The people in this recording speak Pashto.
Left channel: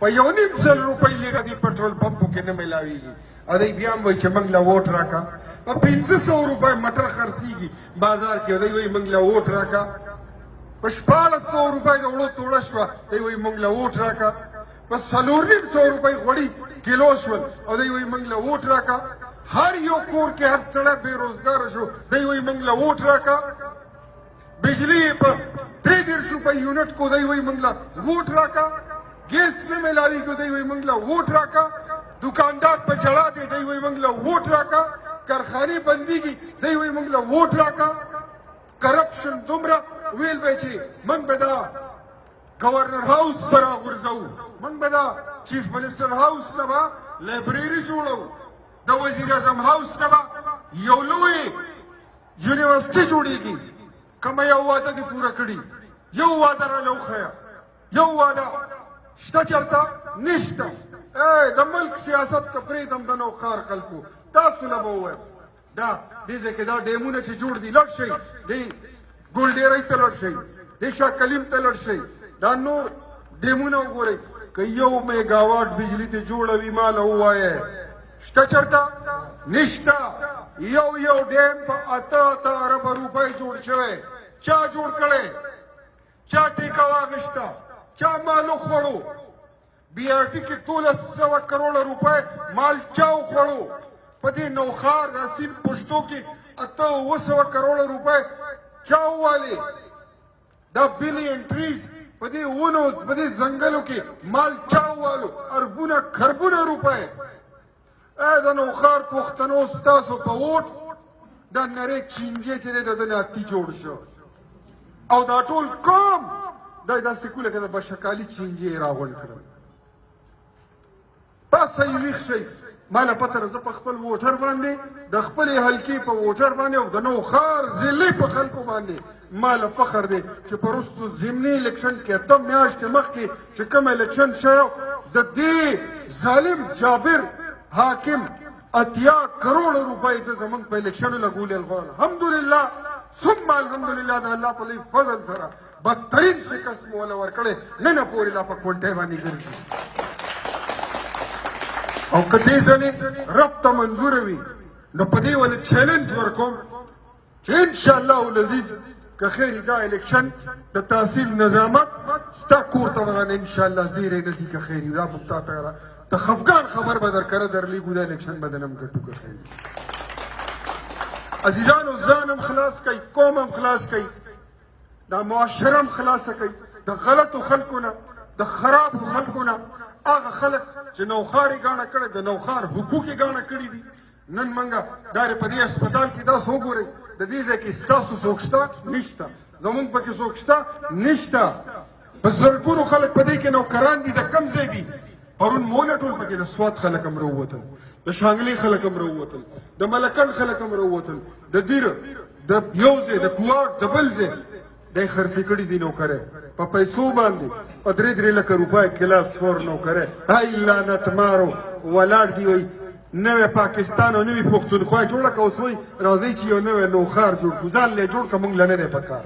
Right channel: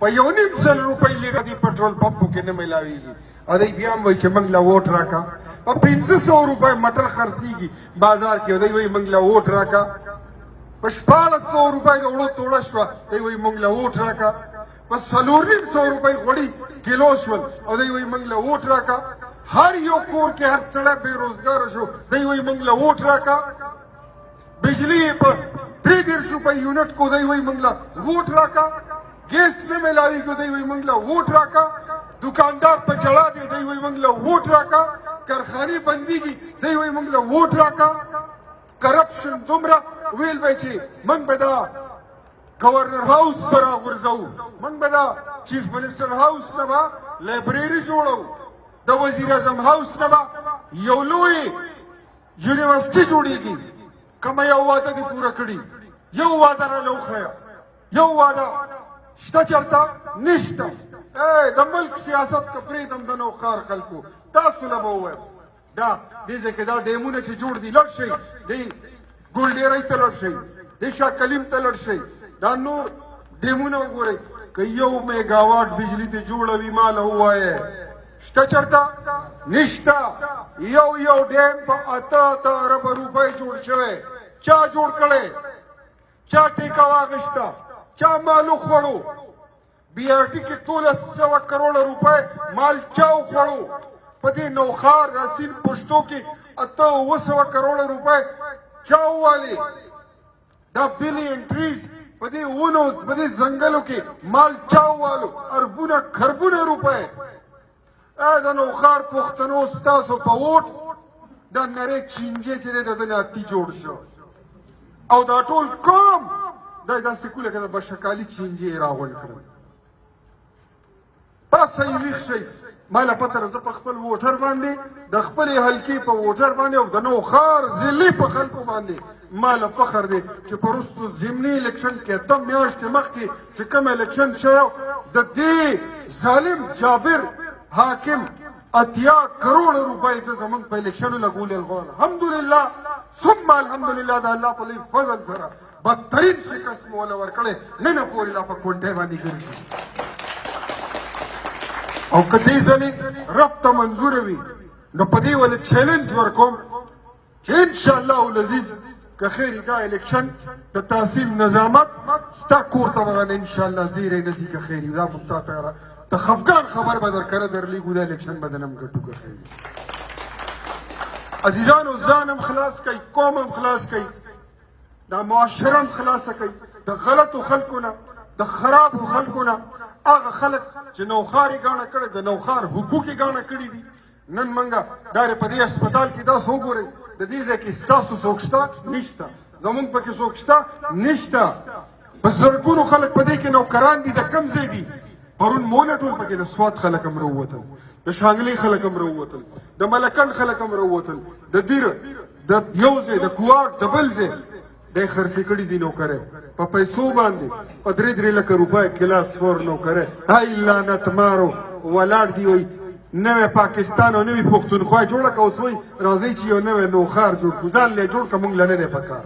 په 1.5 روپۍ لیټر دې پټرول پمپو کې نه میلاویږي او دی بیا هم وایي چې موږ له ووټ راکړه په 500 روپۍ مټر خرڅېږي بازار کې دی وایي موږ له ووټ راکړه په 1400 روپۍ د وړو توړه شوه دی وایي موږ له ووټ راکړه په 450 روپۍ غوړي کیلو شول او دی وایي موږ له ووټ راکړه هر یو کور کې هر سړی بې روزګاره شو دی وایي موږ له ووټ راکړه بجلی په 3.5 روپۍ یونټ کو دی وایي موږ له ووټ راکړه ګیس نه میلاویږي دی وایي موږ له ووټ راکړه دکاندار په جړا دی دی وایي موږ له ووټ راکړه کارخانې بندېږي دی وایي موږ له ووټ راکړه کرپشن دومره ویل به چې موږ به دا گورنر هاوس به راغورځوو موږ به دا چیف منسټر هاوس نه به لایبرري جوړوو د وزیر اعظم هاوس نه به یو لوی یونیورسټي جوړېږي کومه یو واده دې پوره کړي یو واده راله وښیه یو واده شته چېرته نشته د ملک سیاست که پرېږدم د نوښار خلکو تاسو له به ووایم دا دې ځای کې دا ډیمونه چې جوړ دي لړ شئ دې ګلډېرۍ ته لړ شئ دې شاه کلیم ته لړ شئ دا نور ډیمونه وګورئ که 1 میګاواټ بجلي دې جوړه وي ما له ووایې شته چېرته نشته یو ډیم په 8 اربه روپۍ جوړ شوی چا جوړ کړی چا ټیکه واخیسته چا مال وخوړو بی آر ټي کې 1300 کروڑه روپۍ مال چا وخوړو په دې نوښار راسین پښتو کې 800 کروڑه روپۍ چا ووالې دا بلین ټریز په دې ونو په دې ځنګلو کې مال چا ووالو اربونه خربونه روپۍ د نوښار پښتنو ستاسو په ووټ دا نری چینجې چې دی د ده نه اتي جوړ شو او دا ټول قوم دا داسې کوله که د بشکالي چینجې یې راغونډ کړل پاسه یې ویښ شئ ما له پته ده زه په خپل ووټر باندې د خپلې حلقې په ووټر باندې او د نوښار ضلعې په خلکو باندې ما له فخر دی چې په وروستو ضمني الیکشن کې 8 میاشتې مخکې چې کوم الیکشن شوی د دې ظالم جابر حاکم 80 کروڑه روپۍ د زمونږ په الیکشنو لګولې الحمدلله ثم الحمدلله د الله په لوی فضل سره بدترین شکست مو وله ورکړی نن پورې لا په کونټۍ باندې ګرځي او که دې ځلې رب ته منظوره وي نو په دې ولې چیلنج ورکوم چې انشاءالله العزیز که خیري دا الیکشن د تحصیل نظامت ستا کور ته ورانه انشاءالله زیری نه ځي که خیري دا موږ تا ته ته خفګان خبر به درکره درلیږو دا الیکشن به دنم ګټو که خیري عزیزانو ځان هم خلاص کوي قوم هم خلاص کوي دا معاشره هم خلاصه کوي د غلطو خلکو نه د خرابو خلکو نه هغه خلک چې نوښار یې ګاڼه کړی د نوښار حقوق یې ګاڼه کړي دي نن منګه دا په دې هسپتال کې داسې وګورئ د دې ځای کې ستاسو څوک شته نشته زمونږ پکې څوک شته نشته په زرګونو خلک په دې کې نوکران دي د کوم ځای دي پرون مونه ټول پکې د سوات خلک هم راووتل د شانګلې خلک هم راووتل د ملکن خلک هم راووتل د دیر د یو ځای د کوواک د بل ځای دی خرڅې کړي دي نوکرۍ په پیسو باندې په 3 لکه روپۍ کلاس 4 نوکرۍ هی لعنت مارو ولاړ دي وایي نوی پاکستان او نوی پښتونخوا جوړه که اوس وایي راځئ چې یو نوی نوښار جوړ کړو ځان له یې جوړ که مونږ له نه دی پکار